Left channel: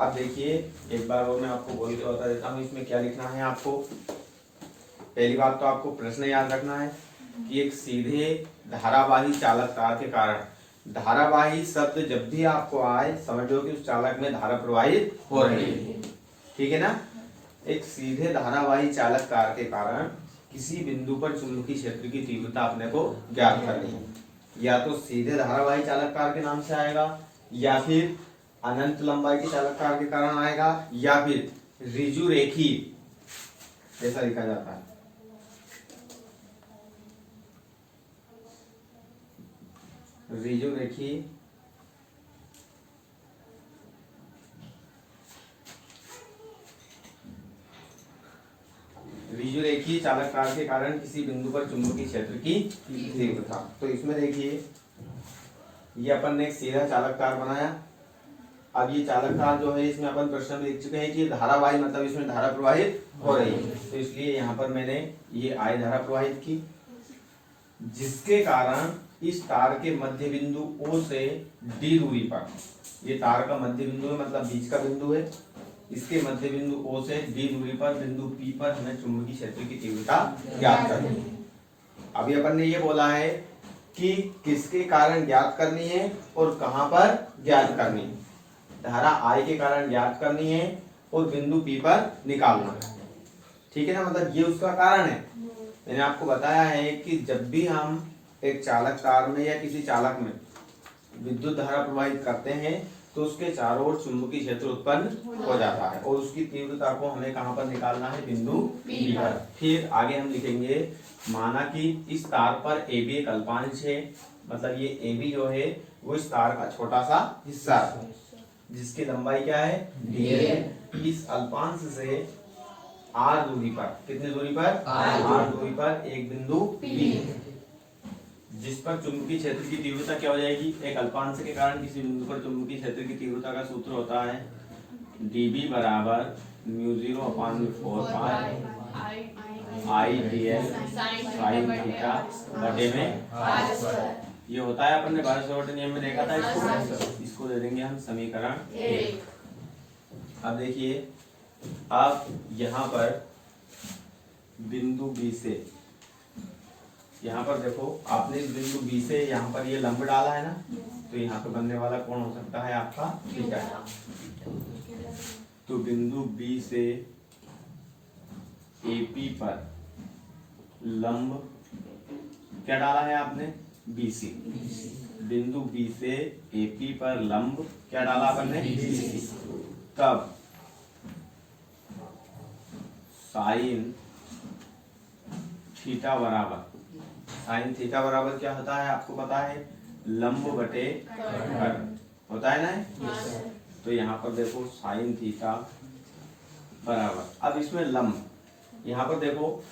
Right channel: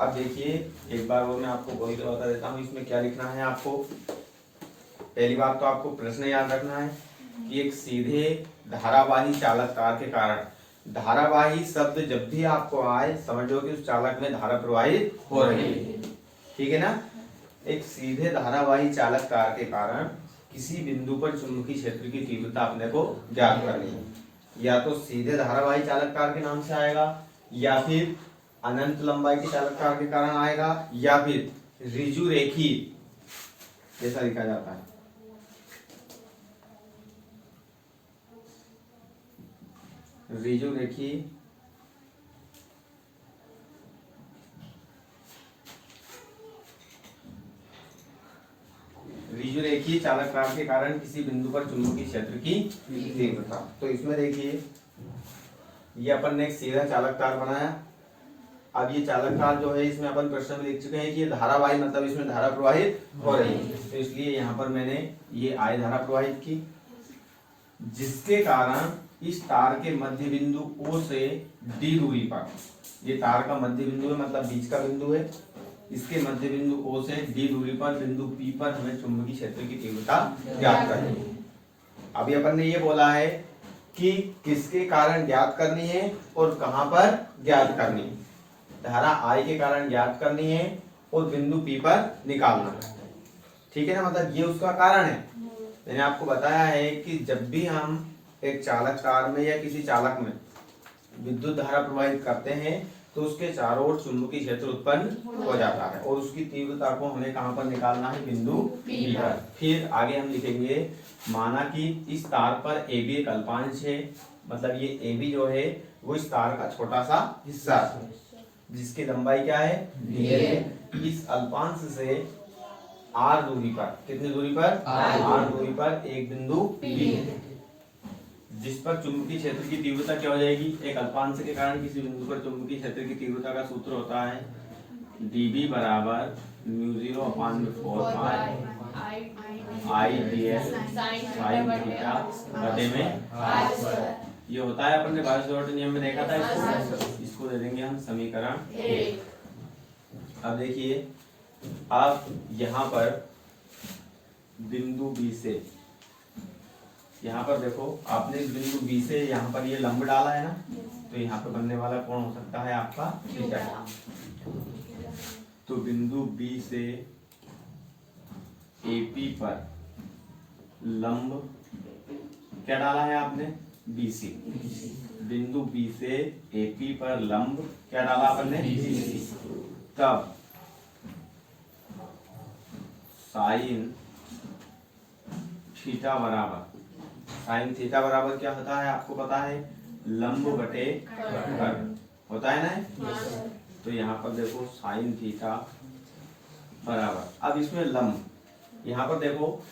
अब देखिए एक बार वो मैं आपको बोल के बता देता हूँ इसमें क्या लिखना है आपको। पहली बात तो आपको प्रश्न याद रखना है कि एक सीधे धारावाही चालक तार के कारण, धारावाही शब्द जब भी आपको आए समझो कि उस चालक में धारा प्रवाहित हो रही है, ठीक है ना। एक सीधे धारावाही चालक तार के कारण किसी बिंदु पर चुंबकीय क्षेत्र की तीव्रता अपने को ज्ञात करनी है। या तो सीधे धारावाही चालक तार के नाम से आएगा, या फिर अनंत लंबाई के चालक तार के कारण आएगा, या फिर ऋजु रेखी जैसा लिखा जाता है। ऋजु रेखी ऋजु रेखी चालक तार के कारण किसी बिंदु पर चुंबकीय क्षेत्र की तीव्रता। तो इसमें देखिए ये अपन ने एक सीधा चालक तार बनाया। अब ये चालक तार जो है इसमें अपन प्रश्न में लिख चुके हैं कि ये धारावाही मतलब इसमें धारा प्रवाहित हो रही है, तो इसलिए यहाँ पर मैंने ये I धारा प्रवाहित की, जिसके कारण इस तार के मध्य बिंदु O से D दूरी पर, ये तार का मध्य बिंदु है मतलब बीच का बिंदु है, इसके मध्य बिंदु O से D दूरी पर बिंदु P पर हमें चुंबकीय क्षेत्र की तीव्रता ज्ञात करनी है। अभी अपन ने ये बोला है कि किसके कारण ज्ञात करनी है और कहां पर ज्ञात करनी है। धारा I के कारण ज्ञात करनी है और बिंदु P पर निकालना है, ठीक है ना। मतलब ये उसका कारण है। मैंने आपको बताया है कि जब भी हम एक चालक तार में या किसी चालक में विद्युत धारा प्रवाहित करते हैं तो उसके चारों ओर चुंबकीय क्षेत्र उत्पन्न हो जाता है और उसकी तीव्रता को हमें कहां पर निकालना है, बिंदु P पर। फिर आगे हम लिखेंगे, माना कि इस तार पर AB एक अल्पांश है, मतलब ये AB जो है वो इस तार का छोटा सा हिस्सा है जिसकी लंबाई क्या है, dl। इस अल्पांश से r दूरी पर, कितनी दूरी पर, r दूरी पर एक बिंदु P है जिस पर चुंबकीय क्षेत्र की तीव्रता क्या हो जाएगी, एक अल्पांश के कारण किसी बिंदु पर चुंबकीय क्षेत्र की तीव्रता का सूत्र होता है dB बराबर μ0/4 I dl sin थीटा बटे में r। ये होता है अपन ने बायोट नियम में देखा था इसको दे देंगे हम समीकरण 1। अब देखिए, अब यहाँ पर बिंदु B से, यहाँ पर देखो आपने इस बिंदु B से यहाँ पर ये लंब डाला है ना, तो यहाँ पे बनने वाला कोण हो सकता है आपका थीटा। तो बिंदु B से AP पर लंब क्या डाला है आपने, BC। बिंदु B से AP पर लंब क्या डाला आपने, BC। तब साइन थीटा बराबर, साइन थीटा बराबर क्या होता है आपको पता है, लंब बटे कर्ण होता है ना। तो यहाँ पर देखो साइन थीटा बराबर, अब इसमें लंब, यहाँ पर देखो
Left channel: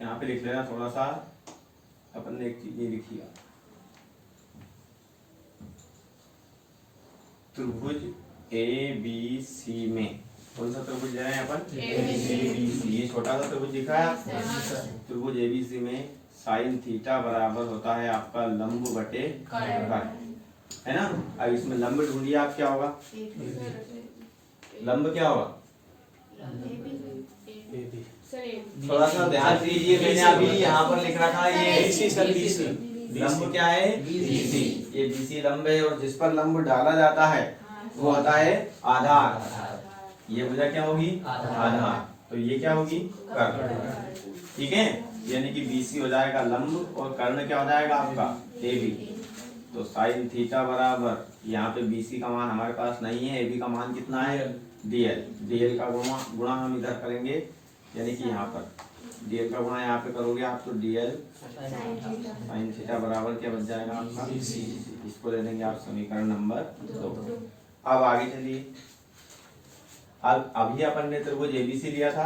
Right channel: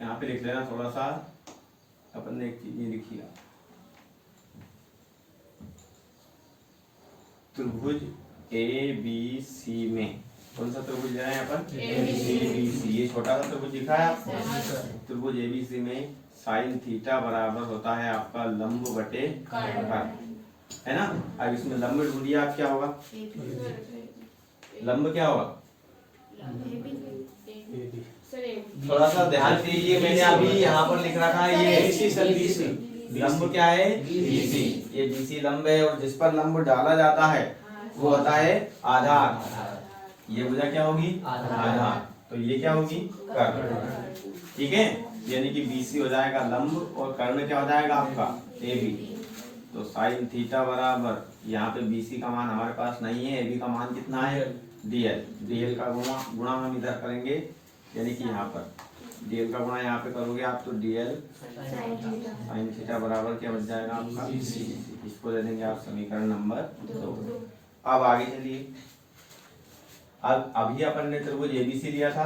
यहाँ पे लिख लेना थोड़ा सा, अपन ने एक चीज ये लिखी है, त्रिभुज ABC में कौन सा त्रिभुज ले रहे हैं अपन, ABC। ये छोटा सा त्रिभुज दिखा है आपको, त्रिभुज ABC में साइन थीटा बराबर होता है आपका लंब बटे कर्ण, है ना। अब इसमें लंब ढूंढिए आप, क्या होगा, लंब क्या होगा, थोड़ा सा ध्यान दीजिए, मैंने अभी यहाँ पर लिख रखा है ये लंब क्या है, BC। ये BC लंब है और जिस पर लंब डाला जाता है वो होता है आधार। ये भुजा क्या होगी, आधार। तो ये क्या होगी, कर्ण, ठीक है। यानी कि BC हो जाएगा लंब और कर्ण क्या हो जाएगा आपका AB। तो साइन थीटा बराबर, यहाँ पे BC का मान हमारे पास नहीं है, AB का मान कितना है, DL। DL का गुणा हम इधर करेंगे, यानी कि यहाँ पर DL का गुणा यहाँ पे करोगे आप तो DL साइन थीटा बराबर क्या बच जाएगा आपका, इसको दे देंगे आप समीकरण नंबर 2। अब आगे चलिए, अब अभी अपन ने त्रिभुज ABC लिया था,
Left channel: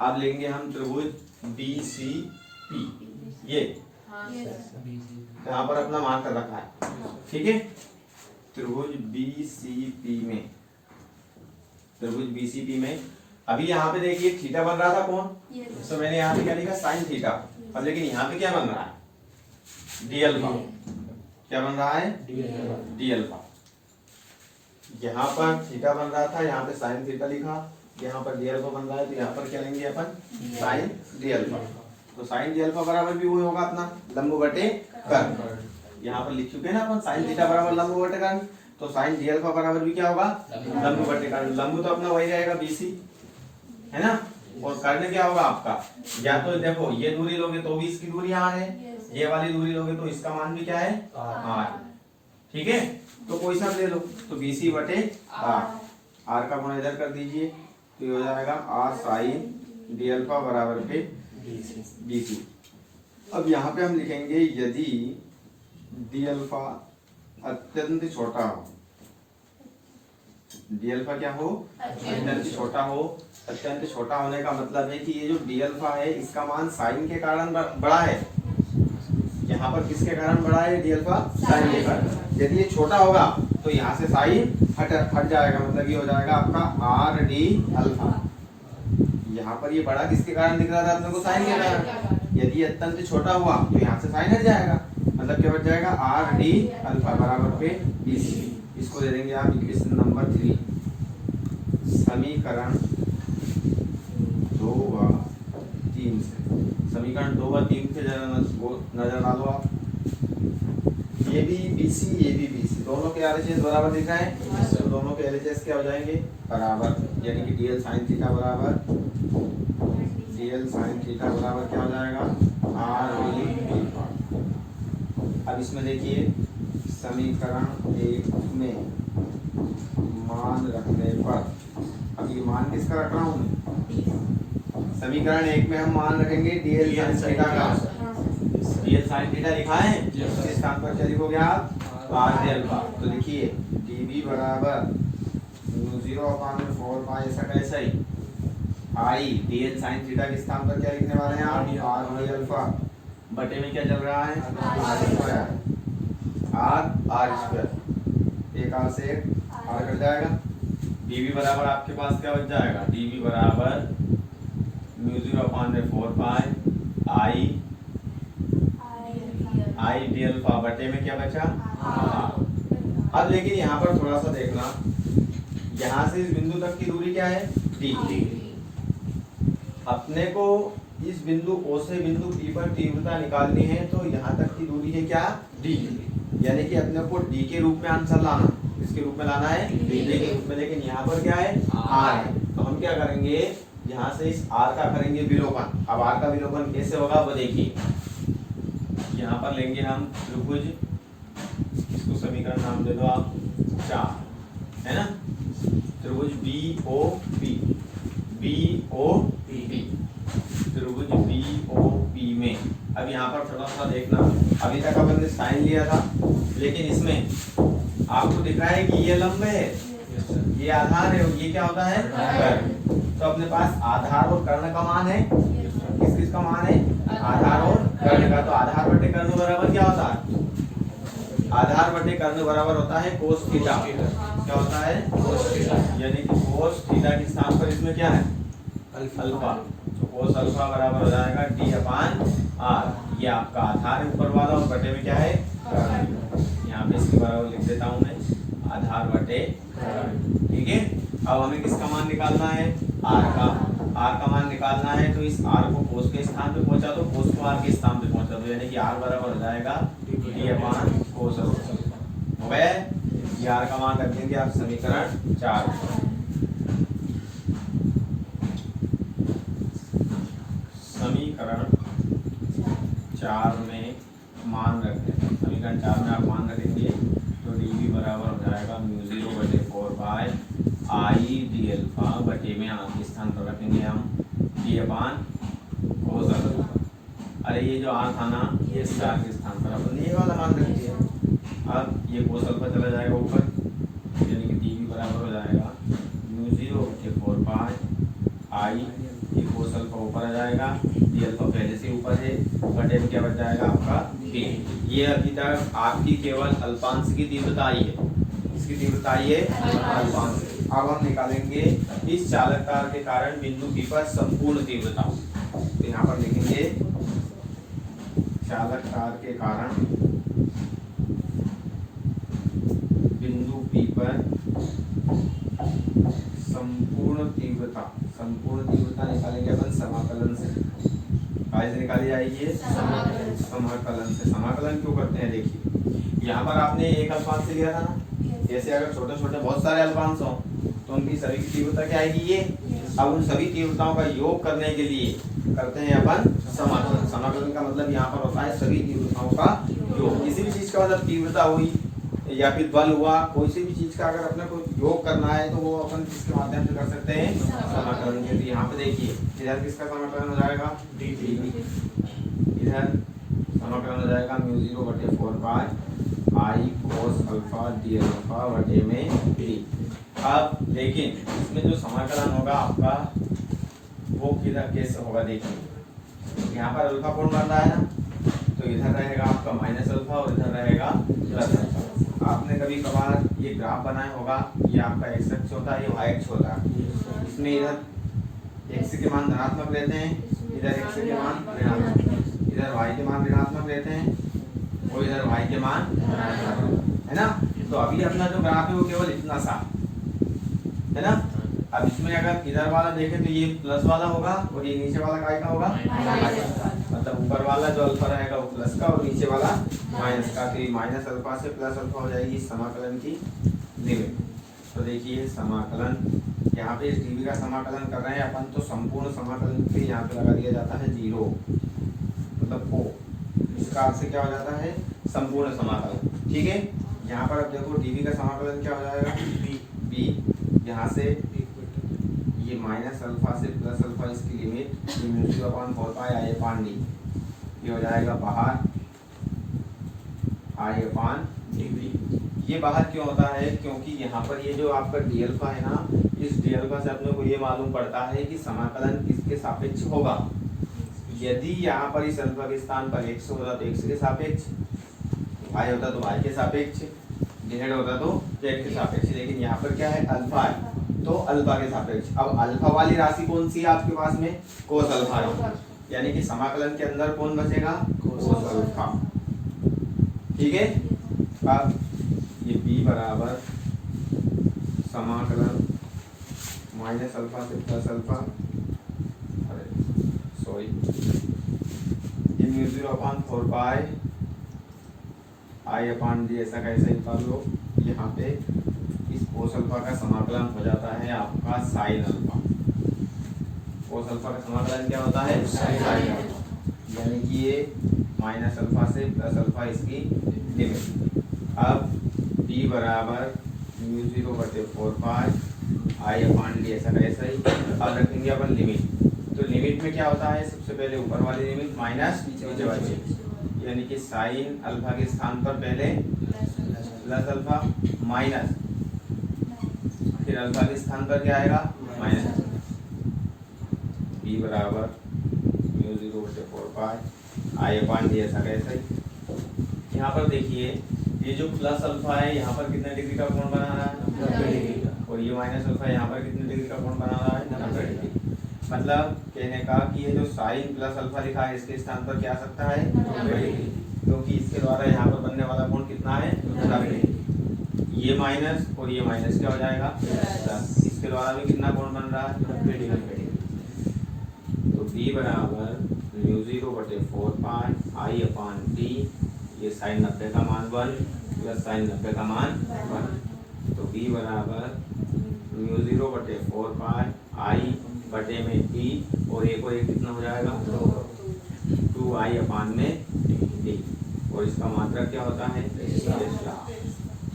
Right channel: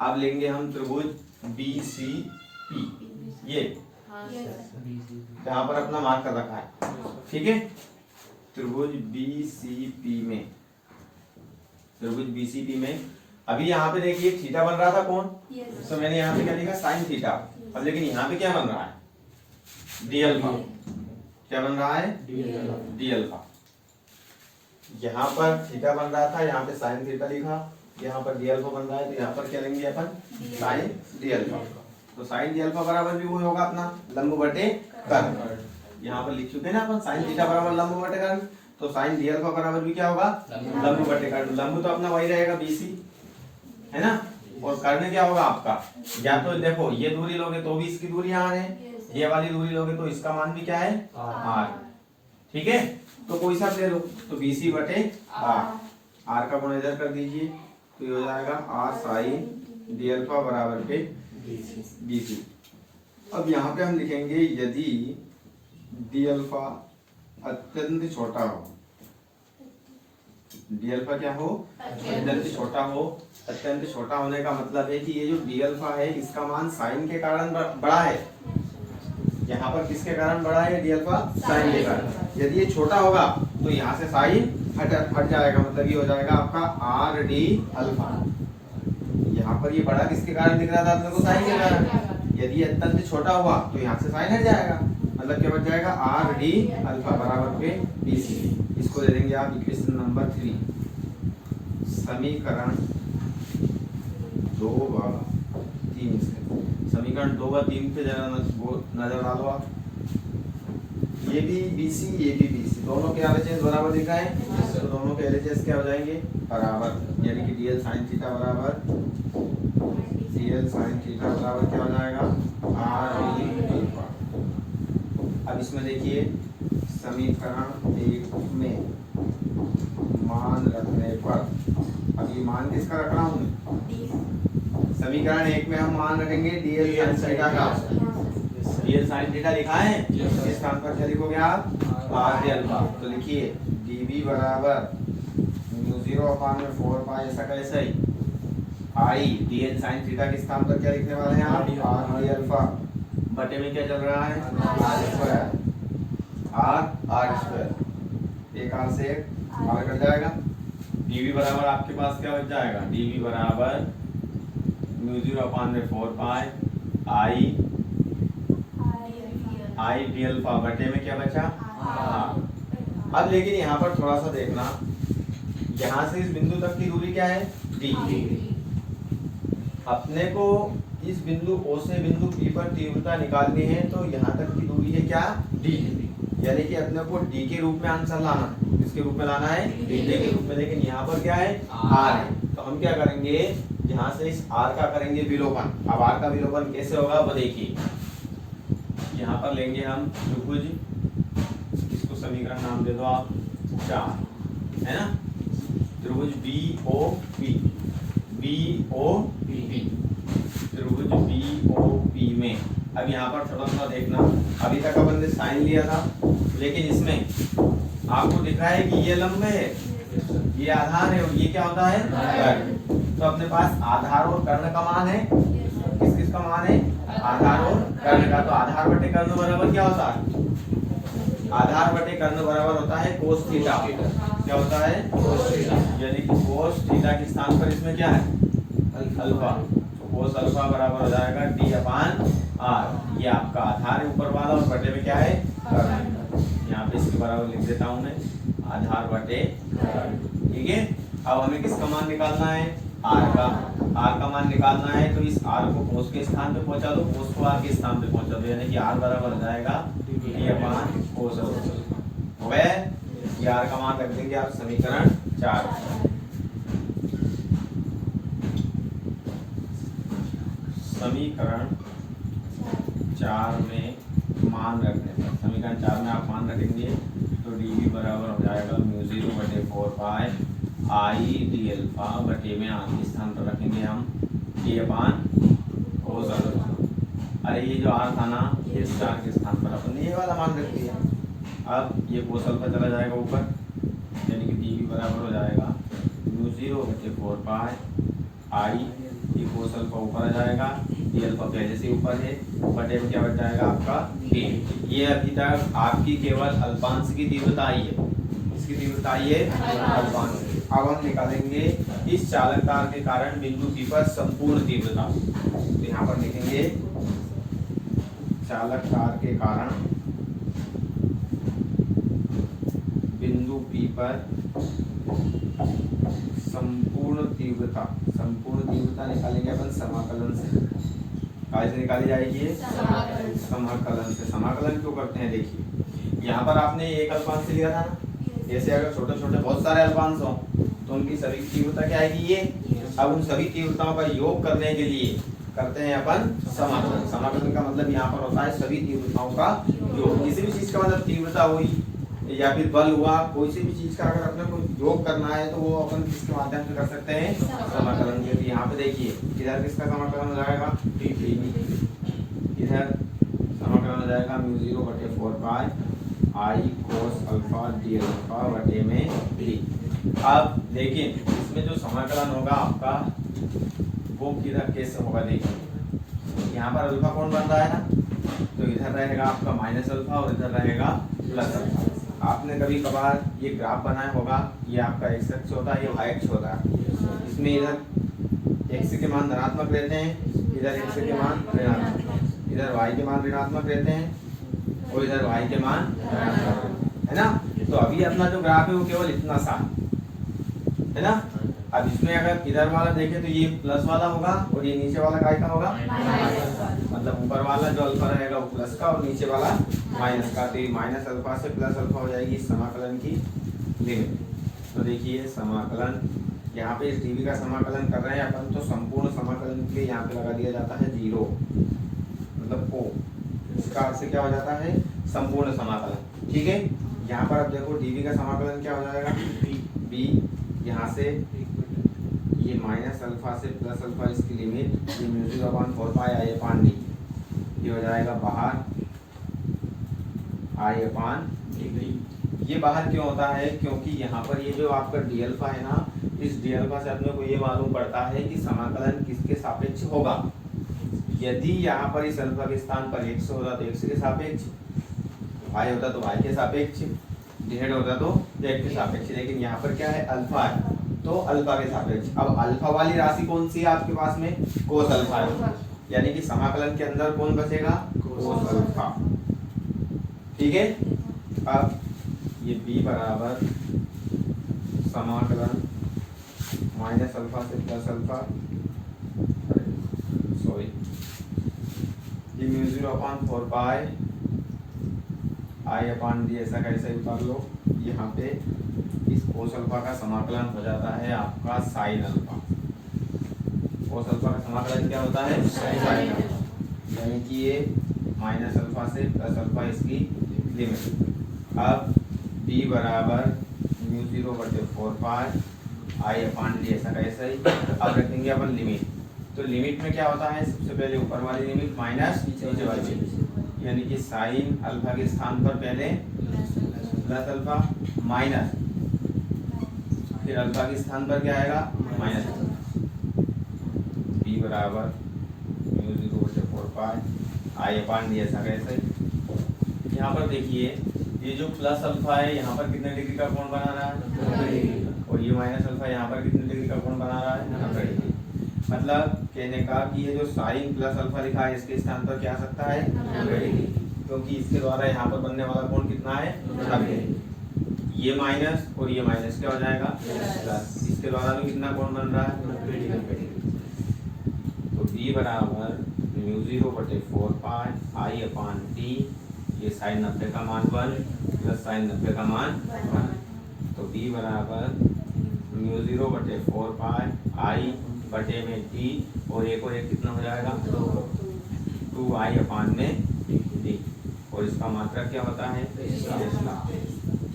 अब लेंगे हम त्रिभुज BCP। ये यहाँ पर अपना मार्क कर रखा है, ठीक है। त्रिभुज BCP में, त्रिभुज BCP में अभी यहाँ पे देखिए थीटा बन रहा था कौन, तो मैंने यहाँ पे क्या लिखा, साइन थीटा। अब लेकिन यहाँ पे क्या बन रहा है, DL का, क्या बन रहा है, DL का। यहाँ पर थीटा बन रहा था, यहाँ पे साइन थीटा लिखा, यहाँ पर डी अल्फा बन रहा है, तो यहाँ पर क्या लेंगे अपन साइन डी अल्फा। तो साइन डी अल्फा बराबर भी वही होगा अपना लंब बटे कर्ण। यहाँ पर लिख चुके हैं ना अपन साइन थीटा बराबर लंब बटे कर्ण, तो साइन डी अल्फा बराबर भी क्या होगा लंब बटे कर्ण। लंब तो अपना वही रहेगा बीसी, है ना, और कर्ण क्या होगा आपका, या तो देखो ये दूरी लोगे तो भी इसकी दूरी आर है, ये वाली दूरी लोगे तो इसका मान भी क्या है आर। ठीक है, तो कोई सा ले लो, तो बीसी बटे आर, आर का गुणा इधर कर दीजिए, तो ये हो जाएगा आर साइन डी अल्फा बराबर पे बीसी। अब यहाँ पे हम लिखेंगे यदि डी अल्फा अत्यंत छोटा हो, डी अल्फा क्या हो अत्यंत छोटा हो। अत्यंत छोटा होने का मतलब है कि ये जो डी अल्फा है इसका मान साइन के कारण बड़ा है, यहाँ पर किसके कारण बड़ा है डी अल्फा साइन के कारण। यदि ये छोटा होगा तो यहाँ से साइन हट जाएगा, मतलब ये हो जाएगा आपका आर डी अल्फा। यहाँ पर ये बड़ा किसके कारण दिख रहा था अपने को साइन के कारण, यदि अत्यंत छोटा हुआ तो यहाँ से साइन हट जाएगा, मतलब क्या बच जाएगा आर डी अल्फा बराबर पे बीसी। इसको दे देंगे आप इक्वेशन नंबर 3, समीकरण 2 व 3 से। समीकरण 2 व 3 से जरा नजर डालो आप, ये भी बीसी ये भी बीसी, दोनों के एलएचएस बराबर दिखा है, तो दोनों के एलएचएस क्या हो जाएंगे बराबर, यानी कि डीएल साइन थीटा बराबर डीएल साइन थीटा बराबर क्या हो जाएगा आर डी अल्फा। अब इसमें देखिए समीकरण 1 में मान रखने पर, अब ये मान किसका रख रहा हूँ, समीकरण 1 में हम मान रखेंगे डीएल साइन थीटा का, डीएल साइन थीटा लिखा है, इस स्थान पर क्या लिखोगे आप आर डी अल्फा। तो लिखिए डीबी बराबर 0/4 पाई, ऐसा कैसे ही आई डीएल साइन थीटा के स्थान पर क्या लिखने वाले हैं आप आर डी अल्फा, बटे में क्या चल रहा है आर स्क्वायर, आर स्क्वायर, एक आर से एक आर कट जाएगा। डीबी बराबर आपके पास क्या बच जाएगा, डीबी बराबर 0/4 पाई आई डी अल्फा, बटे में क्या बचा आर। अब लेकिन यहाँ पर थोड़ा सा देखना, यहाँ से इस बिंदु तक की दूरी क्या है डी, अपने को इस बिंदु O से बिंदु P पर तीव्रता निकालनी है, तो यहाँ तक की दूरी है क्या D, यानी कि अपने को D के रूप में आंसर लाना, किसके रूप में लाना है D के रूप में, लेकिन यहाँ पर क्या है R है। तो हम क्या करेंगे, यहाँ से इस R का करेंगे विलोपन। अब R का विलोपन कैसे होगा वो देखिए, यहाँ पर लेंगे हम त्रिभुज, इसको समीकरण नाम दे दो आप 4, है ना, त्रिभुज BOP, त्रिभुज BOP में। अब यहाँ पर थोड़ा सा देखना, अभी तक अपन ने साइन लिया था, लेकिन इसमें आपको दिख रहा है कि ये लंब है, ये आधार है, और ये क्या होता है कर्ण। तो अपने पास आधार और कर्ण का मान है, किस किस का मान है आधार और कर्ण का। तो आधार बटे कर्ण बराबर क्या होता है, आधार बटे कर्ण बराबर होता है कोस थीटा। क्या होता है कोस थीटा, यानी कि कोस थीटा के स्थान पर इसमें क्या है अल्फा, तो कोस अल्फा बराबर हो जाएगा D/R। ये आपका आधार है ऊपर वाला, और बटे में क्या है कर्ण। यहाँ पे इसके बराबर लिख देता हूँ मैं आधार बटे कर्ण। ठीक है, अब हमें किसका मान निकालना है R का, R का मान निकालना है, तो इस R को कोस के स्थान पे पहुंचा दो, कोस को R के स्थान पे पहुंचा दो, यानी कि R बराबर हो जाएगा D/cos अल्फा। हो गया, ये R का मान रख देंगे आप समीकरण 4। समीकरण 4 में मान रखने पर, समीकरण 4 में आप मान रखेंगे तो dV बराबर हो जाएगा 0/4 पाई आई डी अल्फा, बटे में आर के स्थान पर रखेंगे हम D/cos अल्फा। अरे ये जो आर था ना, ये स्टार के स्थान पर अपन ने ये वाला मान रख दिया। अब ये कोस अल्फा चला जाएगा ऊपर, यानी कि dV बराबर हो जाएगा 0/4 पाई आई, ये कोस अल्फा ऊपर आ जाएगा, डी अल्फा पहले से ऊपर है, बटे में क्या बच जाएगा आपका डी। ये अभी तक आपकी केवल अल्पांश की तीव्रता आई है, इसकी तीव्रता आई है अल्पांश। अब हम निकालेंगे इस चालक तार के कारण बिंदु P पर संपूर्ण तीव्रता। तो यहाँ पर लिखेंगे चालक तार के कारण बिंदु P पर संपूर्ण तीव्रता निकालेंगे अपन समाकलन से। कहाँ से निकाली जाएगी ये? समाकलन से। समाकलन क्यों करते हैं देखिए, यहाँ पर आपने एक अल्पांश लिया था ना, जैसे अगर छोटे छोटे बहुत सारे अल्पांश हो तो उनकी सभी की तीव्रता क्या आएगी ये। अब उन सभी तीव्रताओं का योग करने के लिए करते हैं अपन समाकलन। समाकलन का मतलब यहाँ पर होता है सभी तीव्रताओं का योग। किसी भी चीज का मतलब तीव्रता हुई या फिर बल हुआ, कोई सी भी चीज का अगर अपने को योग करना है तो वो अपन किसके माध्यम से कर सकते हैं? समाकलन के। यहाँ पे देखिए इधर किसका समाकलन हो जाएगा? इधर समाकलन हो जाएगा μ0/4 I cos alpha D alpha बटे में डी। अब देखिए इसमें जो समाकलन होगा आपका वो किधर कैसे होगा देखिए, यहाँ पर अल्फा कौन बन रहा है ना, तो इधर रहेगा आपका माइनस अल्फा और इधर रहेगा प्लस अल्फा। आपने कभी कभार ये ग्राफ बनाया होगा, ये आपका एक्स अक्ष होता है, ये वाई अक्ष होता है। इसमें इधर एक्स के मान धनात्मक रहते हैं, इधर एक्स के मान ऋणात्मक, इधर वाई के मान ऋणात्मक रहते हैं और इधर वाई के मान है ना। तो अभी अपना जो ग्राफ है वो केवल इतना सा है ना। अब इसमें अगर इधर वाला देखें तो ये प्लस वाला होगा और ये नीचे वाला काय का होगा? मतलब ऊपर वाला जो अल्फा रहेगा वो प्लस का और नीचे वाला माइनस का। तो ये माइनस अल्फा से प्लस अल्फा हो जाएगी समाकलन की लिमिट। तो देखिए समाकलन, यहाँ पे इस डीवी का समाकलन कर रहे हैं अपन, तो संपूर्ण समाकलन के यहाँ पे लगा दिया जाता है 0, मतलब O। इसका अर्थ से क्या हो जाता है? संपूर्ण समाकलन। ठीक है, यहाँ पर अब देखो डीवी का समाकलन क्या हो जाएगा? बी यहाँ से ये माइनस अल्फा से प्लस अल्फा, इसकी लिमिट μ0/4 I/d, ये हो जाएगा बाहर I/d। ये बाहर क्यों होता है? क्योंकि यहाँ पर ये जो आपका डी अल्फा है ना, इस डी अल्फा से अपने को ये मालूम पड़ता है कि समाकलन किसके सापेक्ष होगा। यदि यहाँ पर इस अल्फा के स्थान पर x होता तो x के सापेक्ष, y होता तो y के सापेक्ष, z होता तो z के सापेक्ष। लेकिन यहाँ पर क्या है? अल्फा है तो अल्फा के सापेक्ष। अब अल्फा वाली राशि कौन सी है आपके पास में? कोस अल्फा है, यानी कि समाकलन के अंदर कौन बचेगा? Cos alpha. ठीक है, अब ये b बराबर समाकलन माइनस अल्फा से प्लस अल्फा, सॉरी ये μ0/4 I/d ऐसा कैसे उतार लो। यहाँ पे इस कोस अल्फा का समाकलन हो जाता है आपका साइन अल्फा। कोस अल्फा का समाकलन क्या होता है? साइन अल्फा, यानी कि ये माइनस अल्फा से प्लस अल्फा इसकी लिमिट। अब b बराबर μ0/4 I/d ऐसा कैसे ही। अब रखेंगे अपन लिमिट, तो लिमिट में क्या होता है? सबसे पहले ऊपर वाली लिमिट माइनस नीचे वाली, यानी कि साइन अल्फा के स्थान पर पहले प्लस अल्फा माइनस, फिर अल्फा के स्थान पर क्या आएगा? माइनस। b बराबर μ0/4 I/d ऐसा कैसे। यहाँ पर देखिए ये जो प्लस अल्फा है यहाँ पर कितने डिग्री का कोण बना रहा है, और ये माइनस अल्फा यहाँ पर कितने डिग्री का कोण बना रहा है? 90 डिग्री। मतलब कहने का कि ये जो साइन प्लस अल्फा लिखा है इसके स्थान पर क्या आ सकता है? 90 डिग्री, क्योंकि इसके द्वारा यहाँ पर बनने वाला कोण कितना है? 90। ये माइनस और ये माइनस क्या हो जाएगा? प्लस। इसके द्वारा भी कितना कोण बन रहा है? 90 डिग्री। तो b बराबर μ0/4 I/d, ये साइन 90 का मान 1 प्लस साइन 90 का मान 1। तो b बराबर μ0/4 I/d, और एक कितना हो जाएगा? 2 I/d, और इसका मात्रक क्या होता है?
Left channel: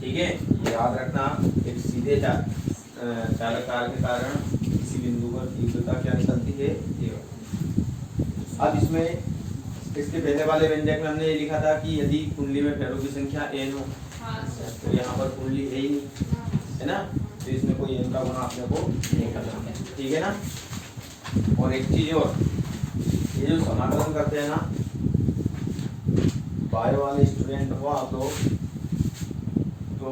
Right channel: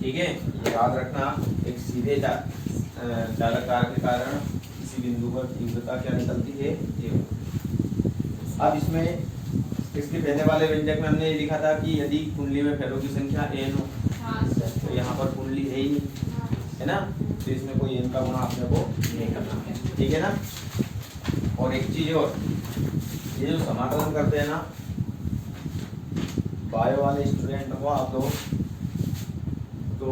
ठीक है, याद रखना एक सीधे चालक के कारण किसी बिंदु पर तीव्रता क्या निकलती है? अब इसमें इसके पहले वाले व्यंजक में हमने ये लिखा था कि यदि कुंडली में फेरों की संख्या n हो, तो यहाँ पर कुंडली है ही नहीं, है ना, तो इसमें कोई n का गुना अपने को नहीं करना। ठीक है ना। और एक चीज और, ये जो समाकलन करते हैं ना, बायो वाले स्टूडेंट हो आप लोग, तो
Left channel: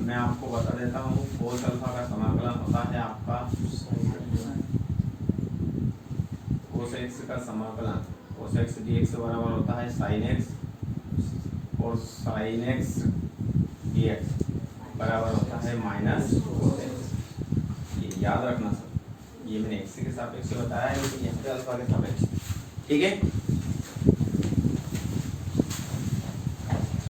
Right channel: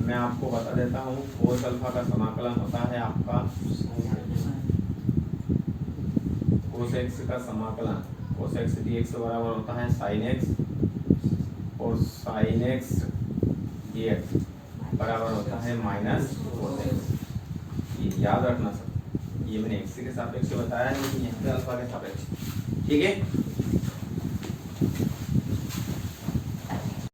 मैं आपको बता देता हूँ कोस अल्फा का समाकलन होता है आपका कोस एक्स का समाकलन, कोस एक्स dx बराबर होता है साइन एक्स और साइन एक्स dx। बराबर होता है माइनस cos x। ये याद रखना सब, ये मैंने x के सापेक्ष बताया है, लेकिन यहाँ पे अल्फा के सापेक्ष। ठीक है,